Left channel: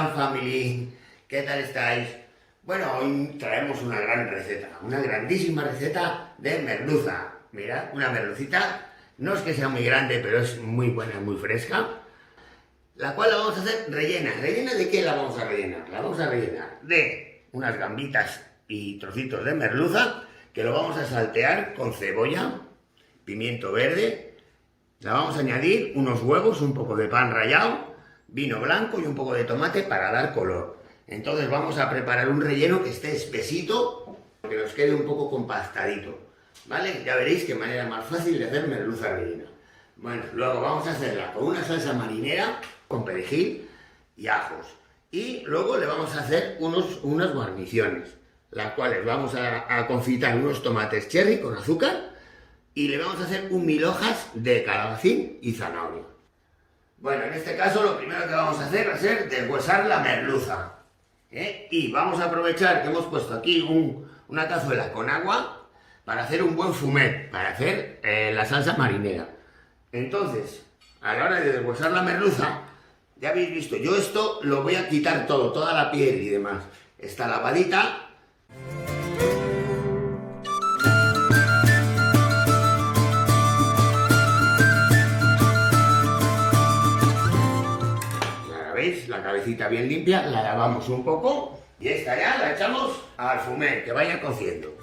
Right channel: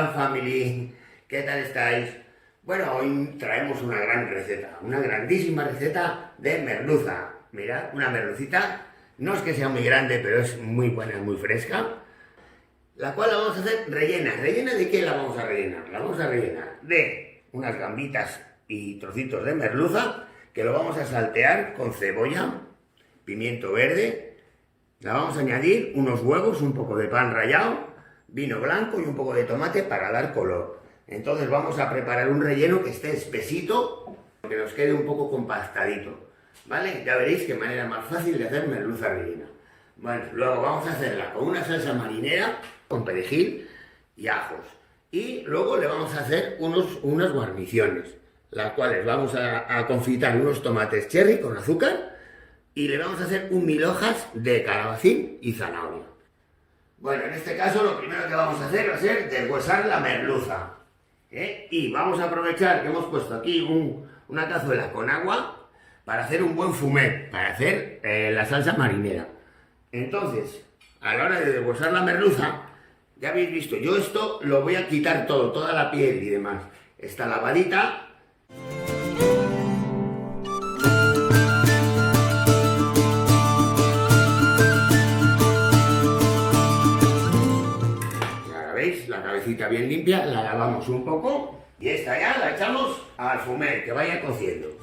gran family, ¿qué tal estáis? Bueno, hoy traemos una gran receta, una grandísima receta de merluza. Mirad, una merlucita, no es que sea muy grande, pero es muy buena, muy fresca, la cual la vamos a hacer rellena. ¿Rellena de qué la vamos a rellenar? La vamos a rellenar de unas gambitas y trocitos de merluza, que lo vamos a saltear con cebolla, pimiento verde, la vamos a añadir unos huevos, un poco de pan rallado, vino blanco y un poco de tomate para dar color. Entonces vamos a preparar un relleno que esté espesito, que nos quede un poco compactadito, ¿vale? Ya veréis qué manera más fácil de hacer merluza rellena. Bueno, luego vamos a hacerla con una salsa marinera, con perejil y ajos. Y luego le vamos a hacer unas guarniciones, las cuales vamos a confitar unos tomates cherry con azúcar y le vamos a hacer un mil hojas de calabacín y zanahoria. Bueno, en este caso lo primero que vamos a hacer va a ser deshuesar la merluza. Y vamos a aprovechar que hemos puesto aquí una cazuela con agua para hacer un buen fumet, para hacer la salsa marinera. Entonces, a la hora de deshuesar la merluza, ya habéis visto, yo esto lo voy a quitar todo, toda la piel y demás. Está lavadita. ¿Veis? La cabecita bien limpia, la lavamos un poco y esta ya la echamos al fumet, que vaya cociendo.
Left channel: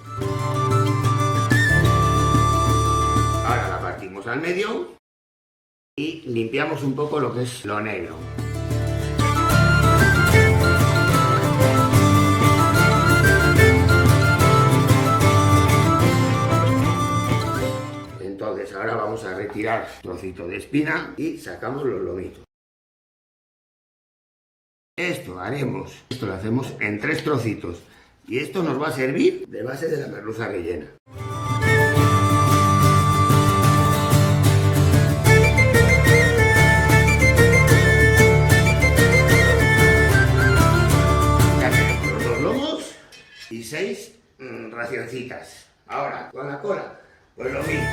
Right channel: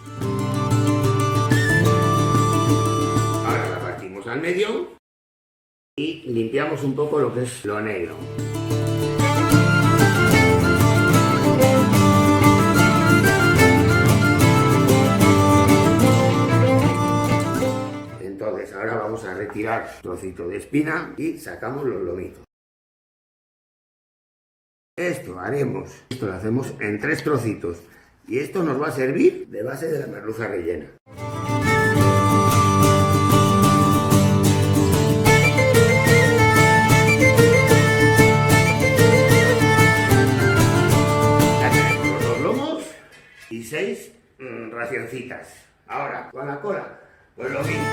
Ahora la partimos al medio y limpiamos un poco lo que es lo negro. Entonces ahora vamos a retirar trocito de espina y sacamos los lomitos. Esto lo hacemos en 3 trocitos y esto nos va a servir de base de la merluza rellena. Ya tenemos los 2 lomos y 6 racioncitas. Ahora, con la cola, pues lo mismo.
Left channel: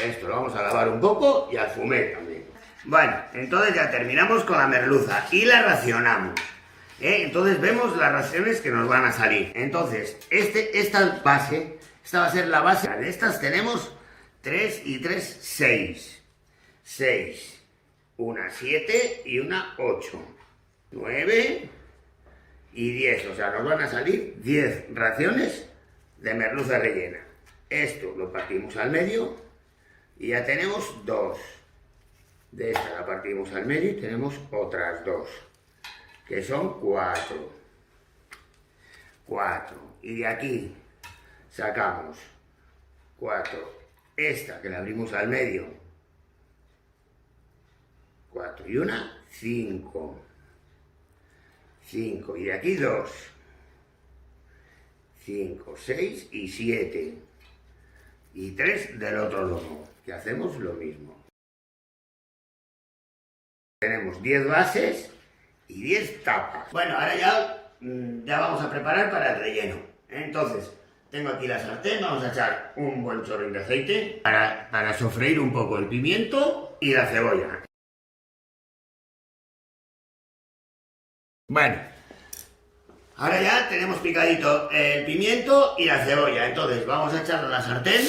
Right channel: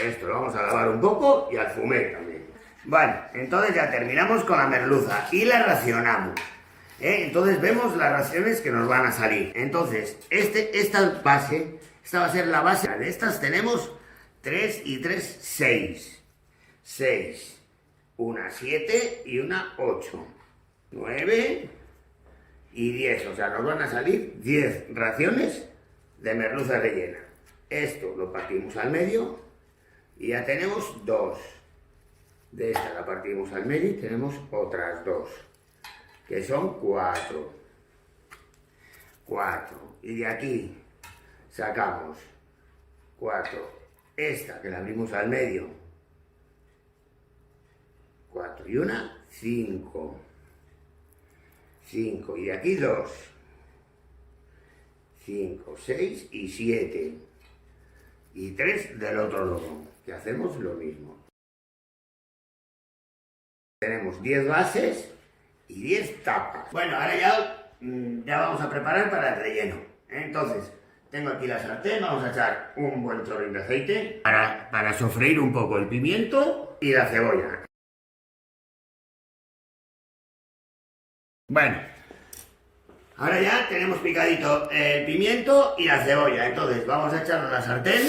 Esto lo vamos a lavar un poco y al fumet también. Bueno, entonces ya terminamos con la merluza y la racionamos. Entonces vemos las raciones que nos van a salir. Entonces, esta va a ser la base. De estas tenemos 3 y 3, 6. 6. Una 7 y una 8. 9 y 10. O sea, nos van a salir 10 raciones de merluza rellena. Esto lo partimos al medio. Y ya tenemos 2. De esta la partimos al medio y tenemos otras 2. Que son 4. 4. Y de aquí sacamos 4. Esta que la abrimos al medio. 4 y una, 5. 5. Y de aquí 2. 5, 6 y 7. Y 3 del otro lomo. Que hacemos lo mismo. Tenemos 10 bases y 10 tapas. Bueno, ahora ya vamos a preparar para el relleno. Entonces, tengo aquí la sartén, vamos a echar un buen chorro de aceite para sofreír un poco el pimiento y la cebolla. Bueno, ahora ya tenemos picadito el pimiento y la cebolla. Entonces, vamos a echarlo a la sartén.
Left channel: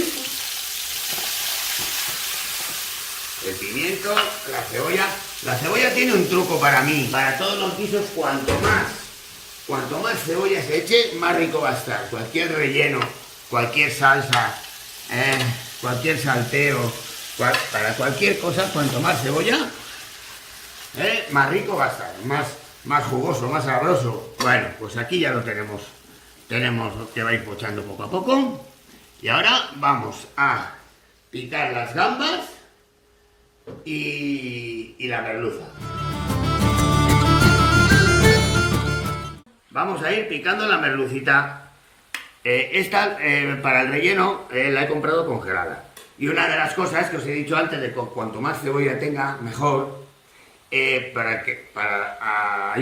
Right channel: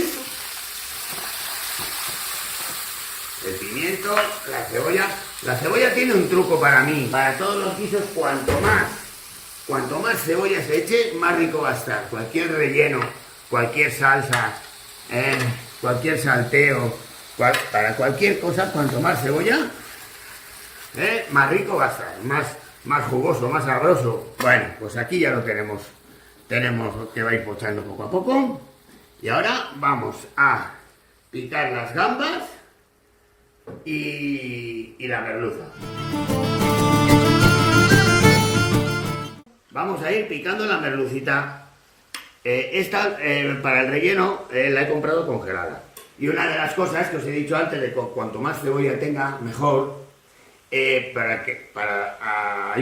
El pimiento, la cebolla. La cebolla tiene un truco para mí. Para todos los guisos, cuanto más cebolla se eche, más rico va a estar. Cualquier relleno, cualquier salsa, cualquier salteo, para cualquier cosa, cuanto más cebolla, más rico va a estar. Más jugoso, más sabroso. Bueno, pues aquí ya lo tenemos. Tenemos que va a ir pochando poco a poco. Y ahora vamos a picar las gambas y la merluza. Vamos a ir picando la merlucita. Esta para el relleno la he comprado congelada. Y una de las cosas que os he dicho antes de que cuanto más cebolla tenga mejor, hay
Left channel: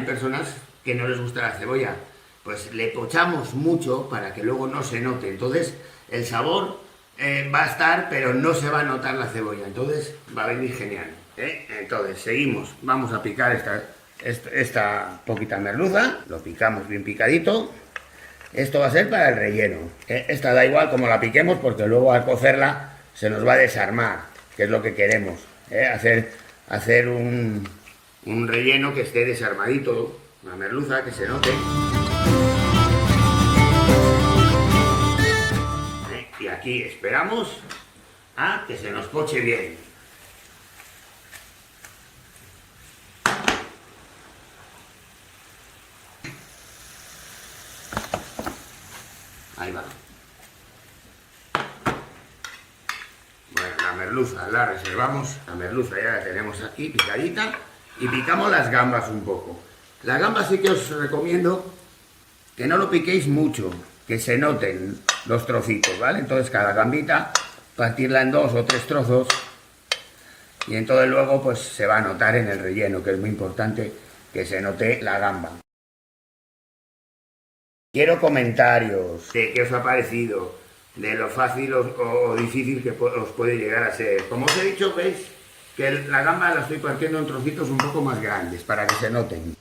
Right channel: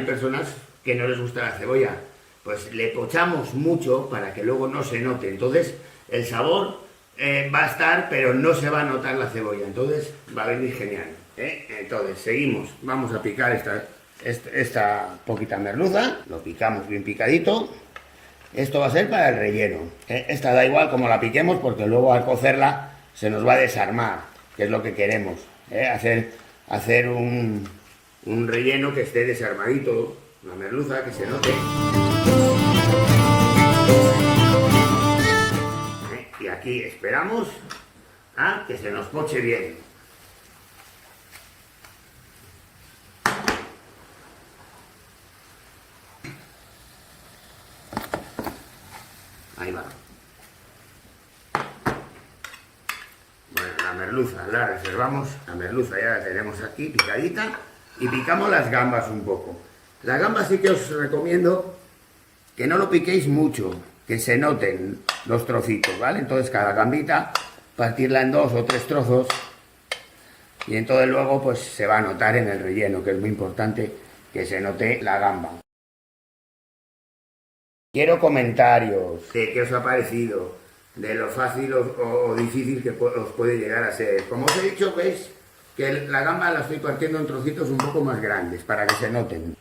personas que no les gusta la cebolla, pues le pochamos mucho para que luego no se note. Entonces el sabor va a estar, pero no se va a notar la cebolla. Entonces va a venir genial. Entonces seguimos, vamos a picar esta poquita merluza, lo picamos bien picadito. Esto va a ser para el relleno. Esta da igual como la piquemos porque luego al cocerla se nos va a desarmar, que es lo que queremos. Hacer un relleno que esté desarmadito, una merluza que se note. Y aquí esperamos a que se nos poche bien. Ahí va. Bueno, la merluza la reservamos. La merluza ya la tenemos aquí picadita. Y picamos las gambas un poco. Las gambas sí que os recomiendo que no lo piquéis mucho, que se noten los trocitos, ¿vale? Entonces cada gambita partirla en 2 o 3 trozos. Y entonces luego pues se va a notar en el relleno, que es muy importante que se note la gamba. Quiero comentarios de qué os ha parecido, de lo fácil o difícil que os puede llegar a ser. Como os he dicho, veis que la gamba la estoy partiendo en trocitos un poco más grandes para que se noten.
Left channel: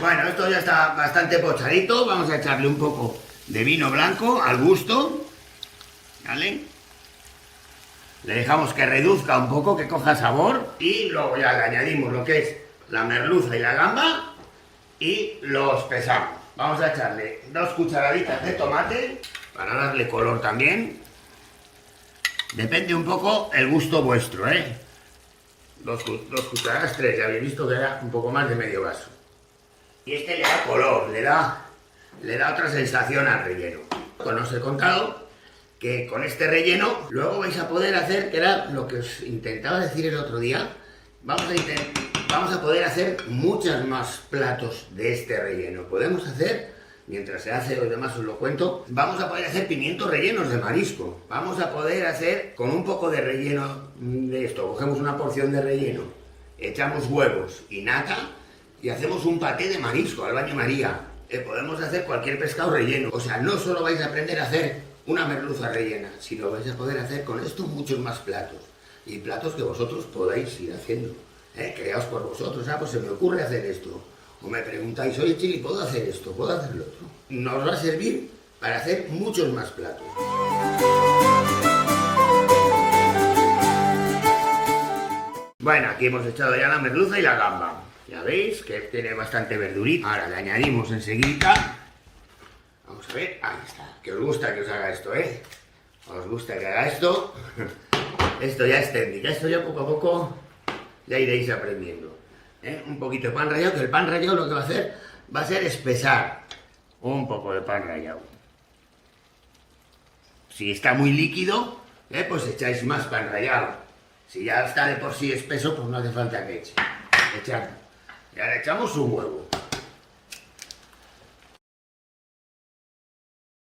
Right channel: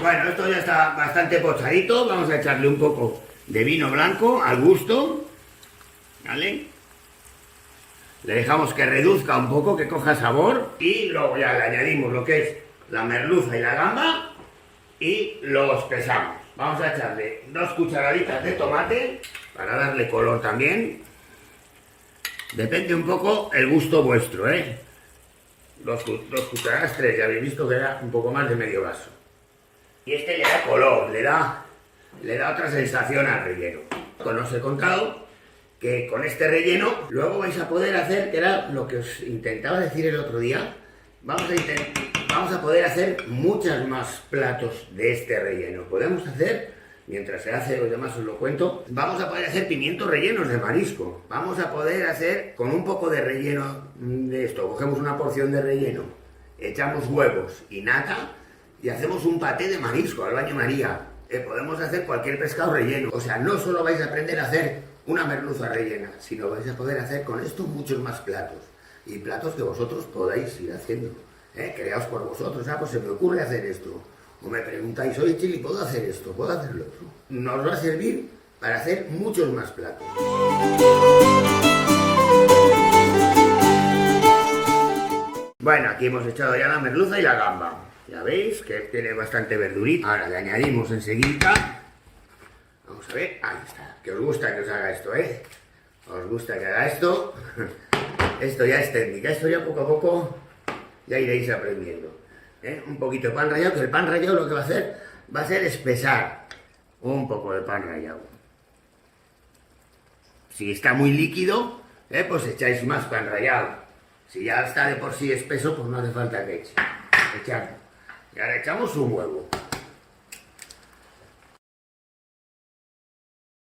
Bueno, esto ya está bastante pochadito. Vamos a echarle un poco de vino blanco al gusto, ¿vale? Le dejamos que reduzca un poco, que coja sabor y luego ya le añadimos lo que es la merluza y la gamba y lo espesamos. Vamos a echarle 2 cucharaditas de tomate para darle color también. Depende un poco el gusto vuestro, ¿eh? 2 cucharadas, 3, ya habéis visto que era un poco más de medio vaso. Y este le da color, le da otra sensación al relleno. Pues os he contado que con este relleno luego vais a poder hacer, que era lo que os intentaba decir el otro día, vamos a poder hacer muchos más platos de este relleno. Podemos hacer, mientras se hace, los demás os lo cuento, vamos a poder hacer pimientos rellenos de marisco. Vamos a poder hacer con un poco de relleno de esto. Cogemos una porción de relleno, echamos huevos y nata y hacemos un paté de marisco al baño María. Podemos hacer cualquier pescado relleno. O sea, no solo vais a aprender a hacer una merluza rellena, sino vais a poder hacer con esto muchos más platos. Y platos que vosotros podáis ir haciendo. Creaos por vosotros. Pues se me ocurre hacer esto. O me preguntáis, oye Chili, ¿puedo hacer esto? ¿Puedo hacer lo otro? Nos va a servir para hacer muchos más platos. Bueno, aquí hemos echado ya la merluza y la gamba. Ya veis que tiene bastante verdurita. Ahora le añadimos enseguida. Vamos a ver, ahí está. Que os gusta que os haga esto, ¿eh? Os gusta que haga esto. Esto ya es técnica. Esto ya poco a poco ya iréis aprendiendo. Un poquito de pan rallado, que el pan rallado lo que va a ser espesar un poco de pan rallado. Si está muy líquido, pues echáis más pan rallado. Si ya está de por sí espeso, pues no hace falta que echemos. Y ahora echamos un huevo.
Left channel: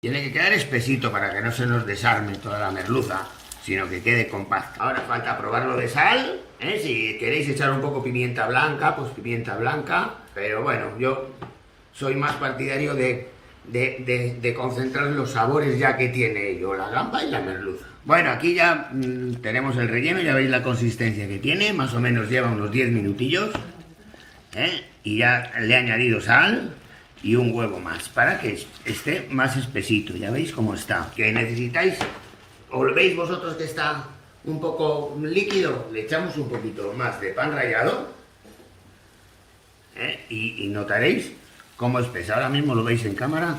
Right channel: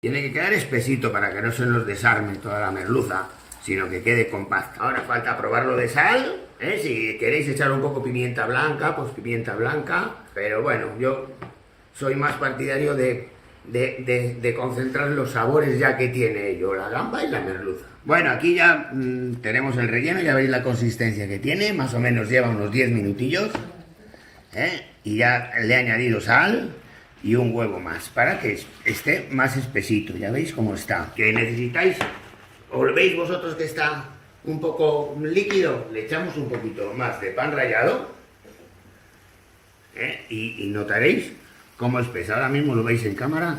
Tiene que quedar espesito para que no se nos desarme toda la merluza, sino que quede compacta. Ahora falta probarlo de sal. Si queréis echar un poco pimienta blanca, pues pimienta blanca. Pero bueno, yo soy más partidario de concentrar los sabores ya que tiene ello, la gamba y la merluza. Bueno, aquí ya tenemos el relleno, ya veis la consistencia que tiene, más o menos lleva unos 10 minutillos. Y ya le he añadido sal y un huevo más para que esté más espesito. Ya veis cómo está. Que necesitáis, o veis vosotros que está un poco líquido, le echamos un poquito más de pan rallado. Y notaréis cómo espesa. Ahora mismo lo veis en cámara.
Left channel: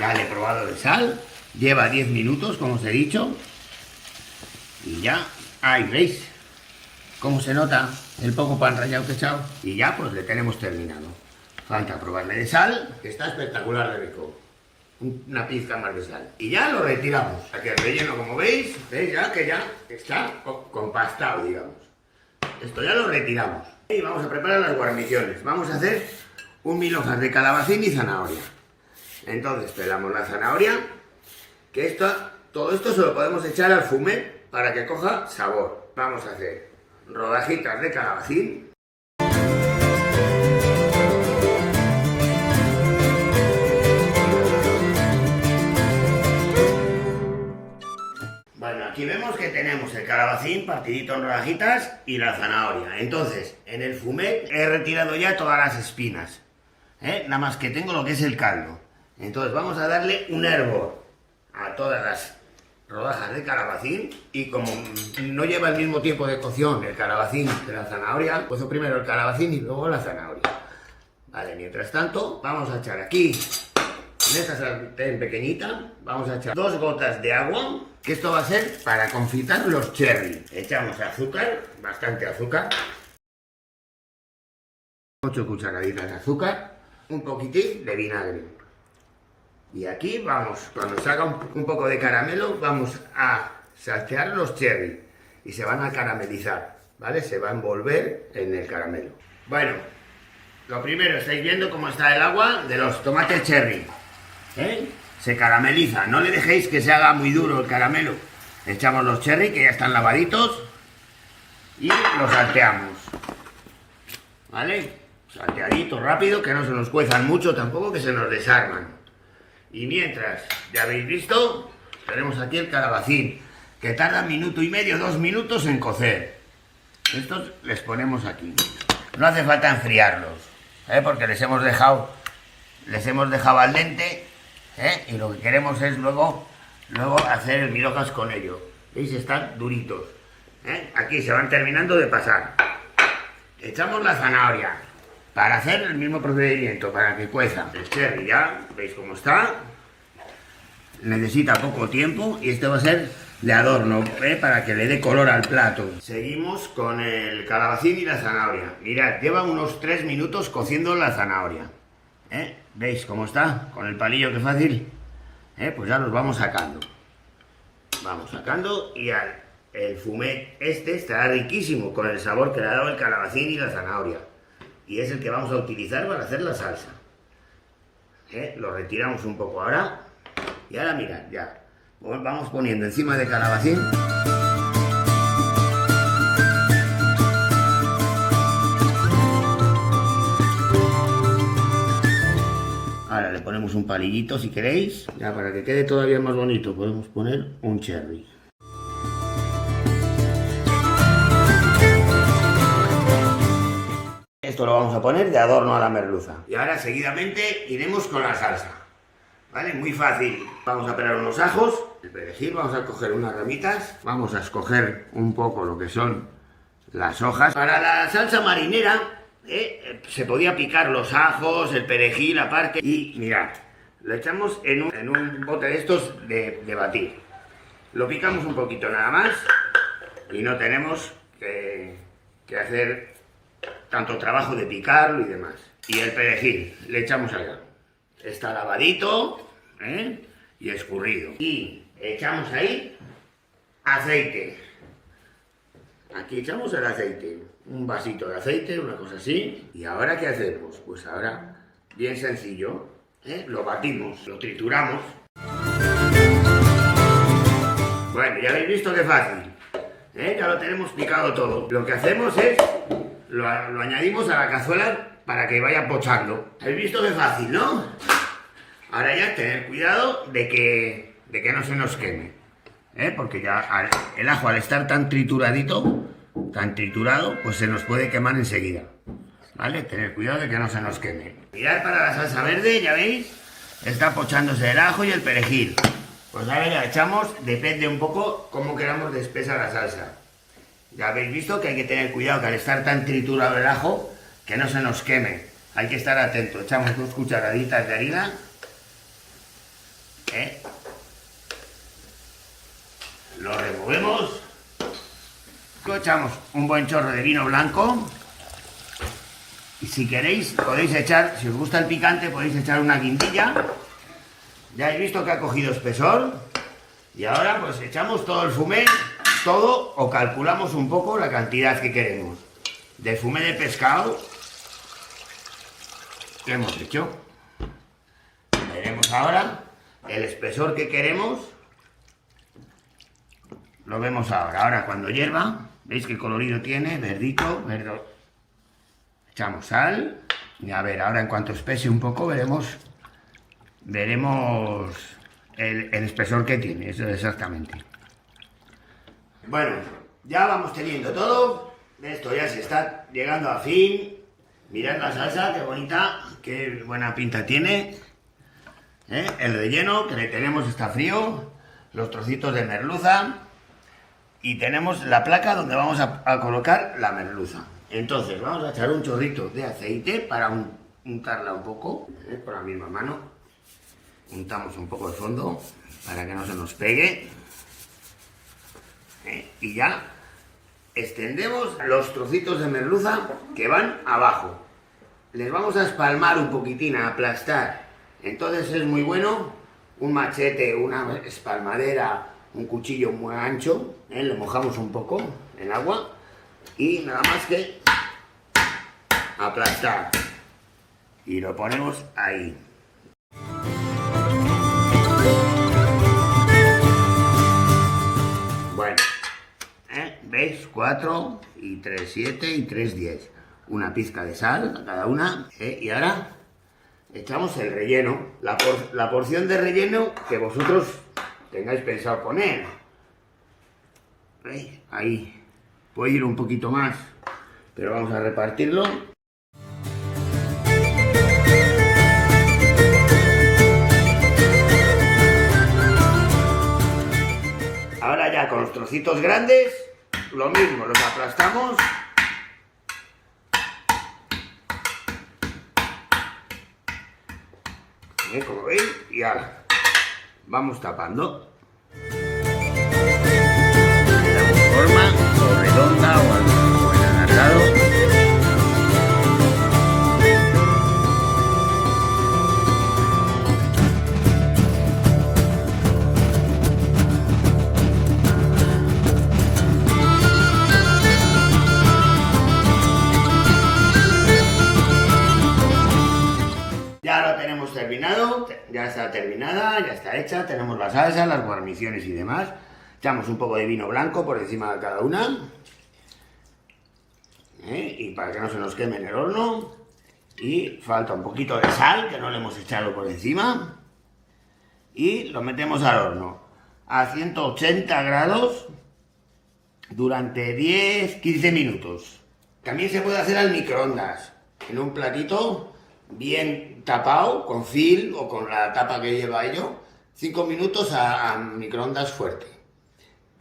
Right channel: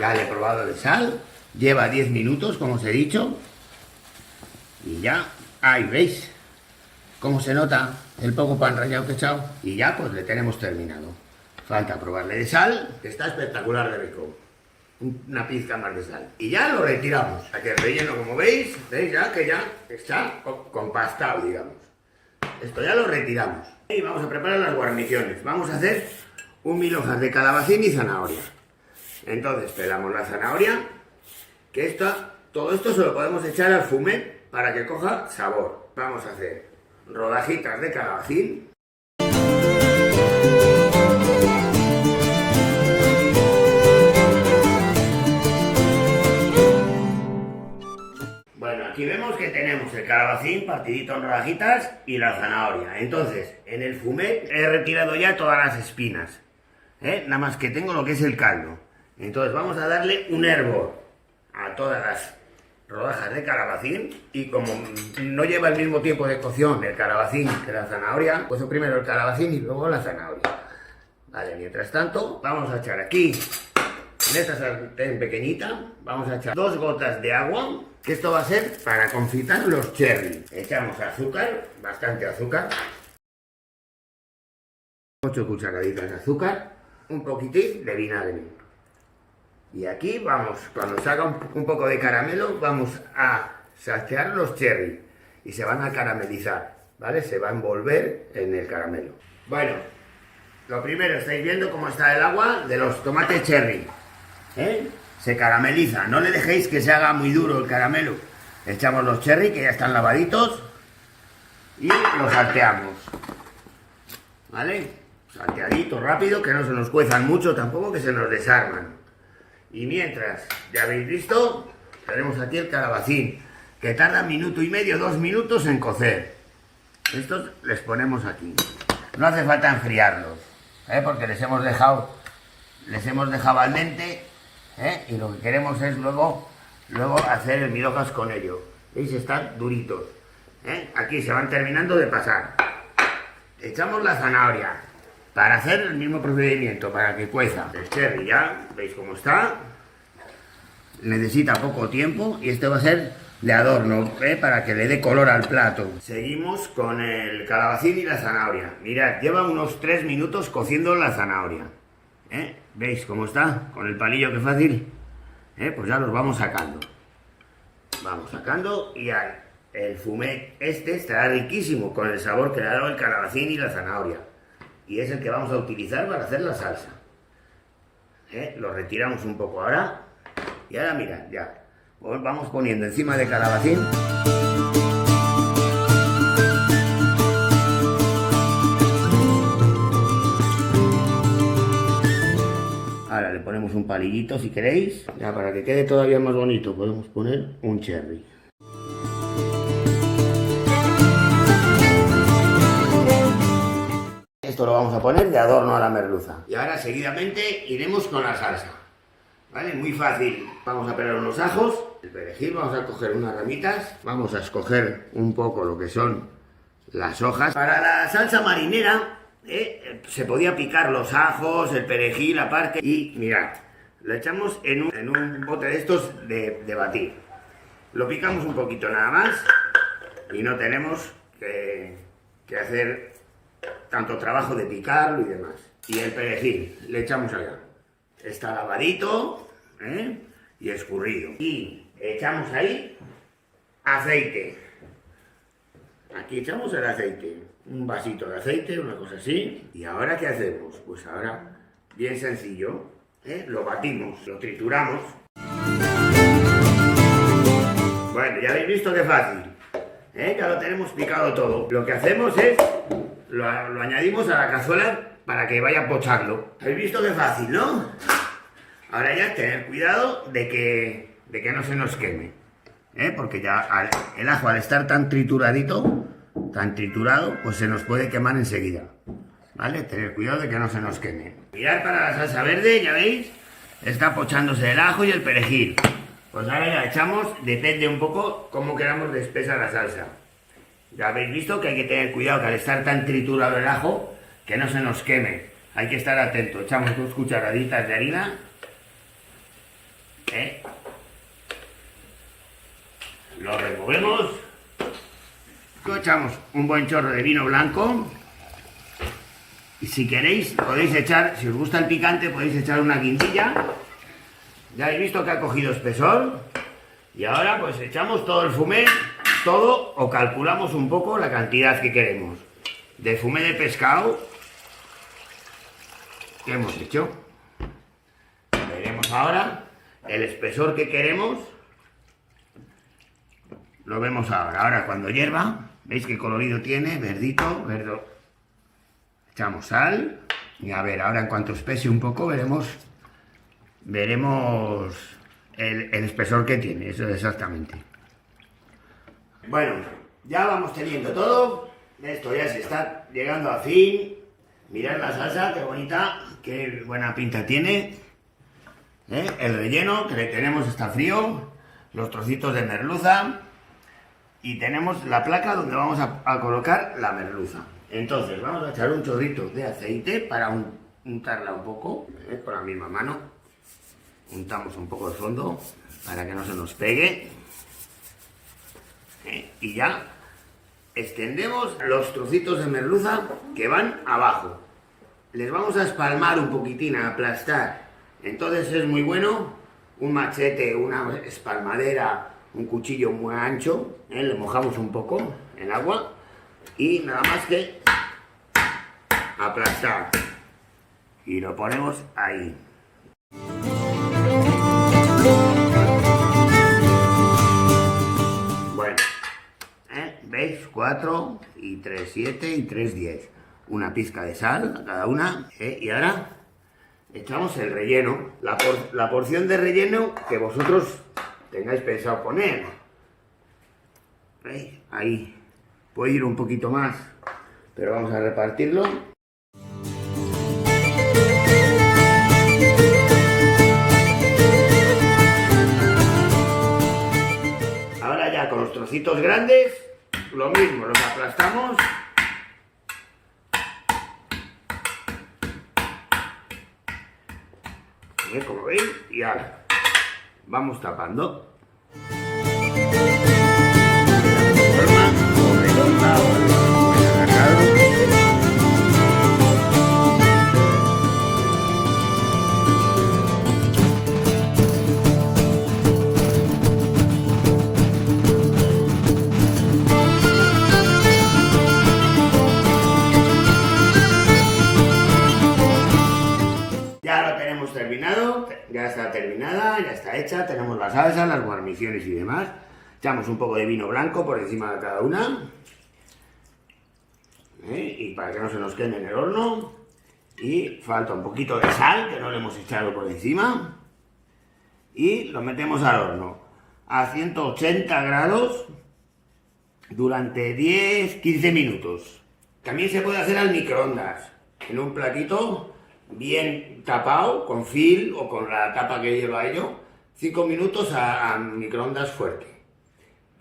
Ya le he probado de sal. Lleva 10 minutos, como os he dicho. Y ya, ahí veis cómo se nota el poco pan rallado que he echado. Y ya pues le tenemos terminado. Falta probarle de sal, que está espectacular de rico. Una pizca más de sal. Y ya lo retiramos. Aquí el relleno, como veis ya que ya está compactado, digamos. Esto ya lo retiramos. Y vamos a preparar las guarniciones. Vamos a hacer un mil hojas de calabacín y zanahoria. Entonces pelamos la zanahoria, que todo esto se lo podemos echar al fumet para que coja sabor. vamos a hacer rodajitas de calabacín. Bueno, aquí vemos que tenemos el calabacín partidito en rodajitas y la zanahoria. Entonces, en el fumet he retirado ya todas las espinas, nada más que tengo lo que es el caldo. Entonces vamos a darle un hervor a todas las rodajas de calabacín, y como no lleva el mismo tiempo de cocción el calabacín que la zanahoria, pues primero el calabacín y luego la zanahoria. Vale, mientras tanto vamos a echar aquí, en esta sartén pequeñita, vamos a echar 2 gotas de agua, que esto va a ser para confitar los cherry. Echamos azúcar, bastante azúcar, 8 cucharaditas de azúcar, un poquitín de vinagre. Y aquí vamos, cuando se haga un poco de caramelo, vamos a saltear los cherry y se van a caramelizar, ¿vale? Se va a envolver en el caramelo. Bueno, lo primero, estáis viendo cómo está el agua de los tomates cherry, se carameliza. No le dejéis que se haga muy duro el caramelo. Echamos los cherry, que ya están lavaditos, y los salteamos, ¿vale? Salteadito, rápido, que no se nos cuezan mucho tampoco, que se nos desarman. Y mientras, ya habéis visto, tenemos aquí el calabacín, que tarda 1 minuto y medio, 2 minutos en cocer. Estos les ponemos aquí. No hace falta enfriarlos, porque les hemos dejado al dente, y lo que queremos es luego hacer el mil hojas con ellos. ¿Veis? Están duritos. Aquí se van terminando de pasar. Echamos la zanahoria para hacer el mismo procedimiento, para que cueza. El cherry ya, ¿veis cómo está? Necesita poco tiempo y este va a ser de adorno, para que le dé color al plato. Seguimos con el calabacín y la zanahoria. Mirad, lleva unos 3 minutos cociendo la zanahoria. ¿Veis cómo está? Con el palillo, qué fácil. Pues ya los vamos sacando. Vamos sacando y el fumet este estará riquísimo con el sabor que le ha dado el calabacín y la zanahoria. Y es el que vamos a utilizar para hacer la salsa. Lo retiramos un poco ahora. Y ahora mirad, ya. Vamos poniendo encima del calabacín. Ahora le ponemos un palillito si queréis. Ya, para que quede todavía más bonito podemos poner un cherry. Esto lo vamos a poner de adorno a la merluza. Y ahora seguidamente iremos con la salsa. ¿Vale? Muy fácil. Vamos a pelar unos ajos, el perejil, vamos a coger unas ramitas, vamos a escoger un poco lo que son las hojas. Para la salsa marinera se podía picar los ajos, el perejil aparte. Y mirad, lo echamos en un bote de estos de batir. Lo picamos un poquito nada más y no tenemos que hacer tanto trabajo de picarlo y demás. Y el perejil le echamos allá. Está lavadito y escurrido. Y echamos ahí aceite. Aquí echamos el aceite. Un vasito de aceite, una cosa así. ¿Y ahora qué hacemos? Pues ahora, bien sencillo, lo batimos, lo trituramos. Bueno, ya habéis visto qué fácil. Ya lo tenemos picado todo. Lo que hacemos es lo añadimos a la cazuela para que vaya pochando. ¿Habéis visto qué fácil, no? Ahora ya tener cuidado de que no se nos queme, porque ya el ajo, al estar tan trituradito, tan triturado, pues se nos puede quemar enseguida, ¿vale? Tener cuidado de que no se nos queme. Mirad, para la salsa verde, ya veis, está pochándose el ajo y el perejil. Pues ahora ya echamos, depende un poco cómo queramos de espesa la salsa. Ya habéis visto que hay que tener cuidado, que al estar tan triturado el ajo, que no se nos queme. Hay que estar atento. Echamos 2 cucharaditas de harina. Lo removemos. Echamos un buen chorro de vino blanco. Y si queréis, podéis echar, si os gusta el picante, podéis echar una guindilla. Ya habéis visto que ha cogido espesor. Y ahora pues echamos todo el fumet, todo, o calculamos un poco la cantidad que queremos. De fumet de pescado que hemos hecho. Veremos ahora el espesor que queremos. Lo vemos ahora. Ahora cuando hierva, ¿Veis qué colorido tiene? Verdito, verde. Echamos sal. Y a ver, ahora en cuanto espese un poco veremos el espesor que tiene, eso exactamente. Bueno, ya vamos teniendo todo. Esto ya se está llegando a fin. Mirad la salsa, qué bonita, qué buena pinta tiene. El relleno que le tenemos está frío. Los trocitos de merluza. Y tenemos la placa donde vamos a colocar la merluza. Entonces vamos a echar un chorrito de aceite para untarla un poco, con la misma mano. Untamos un poco de fondo para que no se nos pegue. Y ya extendemos los trocitos de merluza que van abajo. Les vamos a espalmar un poquitín, a aplastar. Entonces es muy bueno un machete, una espalmadera, un cuchillo muy ancho. Le mojamos un poco en agua y nada más que aplastar. Y lo ponemos ahí. Bueno, ¿veis? 4 y 3, 7 y 3, 10. Una pizca de sal a cada una. Y ahora echamos el relleno. La porción de relleno que vosotros tengáis pensado poner. ¿Veis? Ahí. Puede ir un poquito más, pero vamos a repartirlo. Ahora ya con los trocitos grandes, lo mismo, los aplastamos. Como veis, y ahora vamos tapando. Le damos forma, o redonda o algo alargado. Ya lo tenemos terminado, ya está terminada, ya está hecha, tenemos la salsa, las guarniciones y demás. Echamos un poco de vino blanco por encima de cada una. Y para que no se nos queme en el horno. Y falta un poquito de sal, que no le hemos echado por encima. Y lo metemos al horno a 180 grados durante 10-15 minutos. También se puede hacer al microondas, en un platito bien tapado, con film o con la tapa que lleva ello, 5 minutos a microondas fuerte.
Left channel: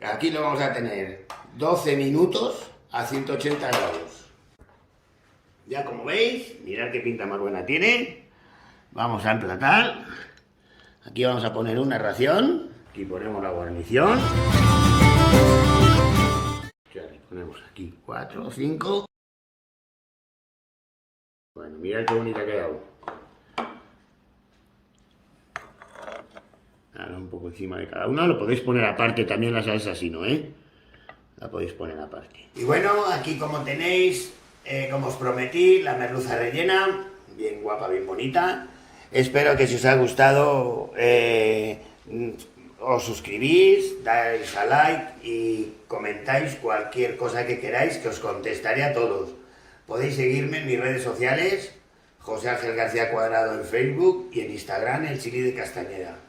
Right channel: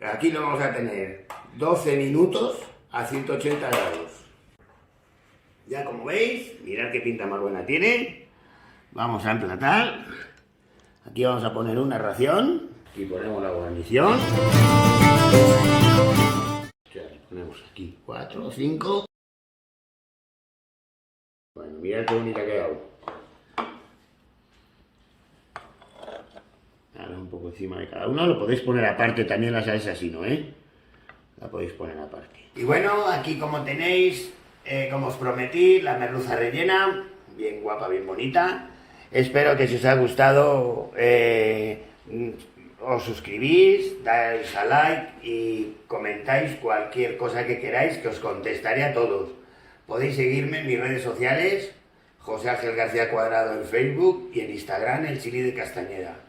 Aquí lo vamos a tener 12 minutos a 180 grados. Ya como veis, mirad qué pinta más buena tiene. Vamos a emplatar. Aquí vamos a poner una ración. Aquí ponemos la guarnición. Ya le ponemos aquí 4 o 5. Bueno, mirad qué bonita ha quedado. Ahora un poco encima de cada uno. Lo podéis poner aparte también la salsa, si no, la podéis poner aparte. Y bueno, aquí como tenéis, como os prometí, la merluza rellena. Bien guapa, bien bonita. Espero que si os ha gustado, os suscribís, dais a like y comentáis cualquier cosa que queráis, que os contestaré a todos. Podéis seguirme en mis redes sociales, José Ángel García Cuadrado en Facebook y en Instagram, El Chili de Castañeda.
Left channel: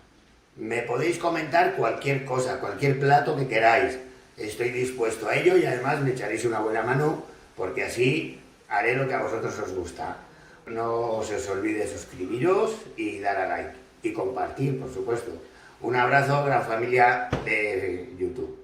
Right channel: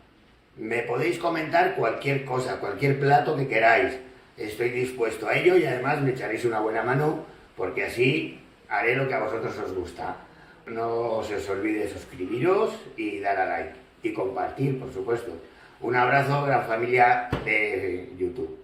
Me podéis comentar cualquier cosa, cualquier plato que queráis. Estoy dispuesto a ello y además me echaréis una buena mano porque así haré lo que a vosotros os gusta. No os olvide suscribiros y dar a like y compartir, por supuesto. Un abrazo, gran familia de YouTube.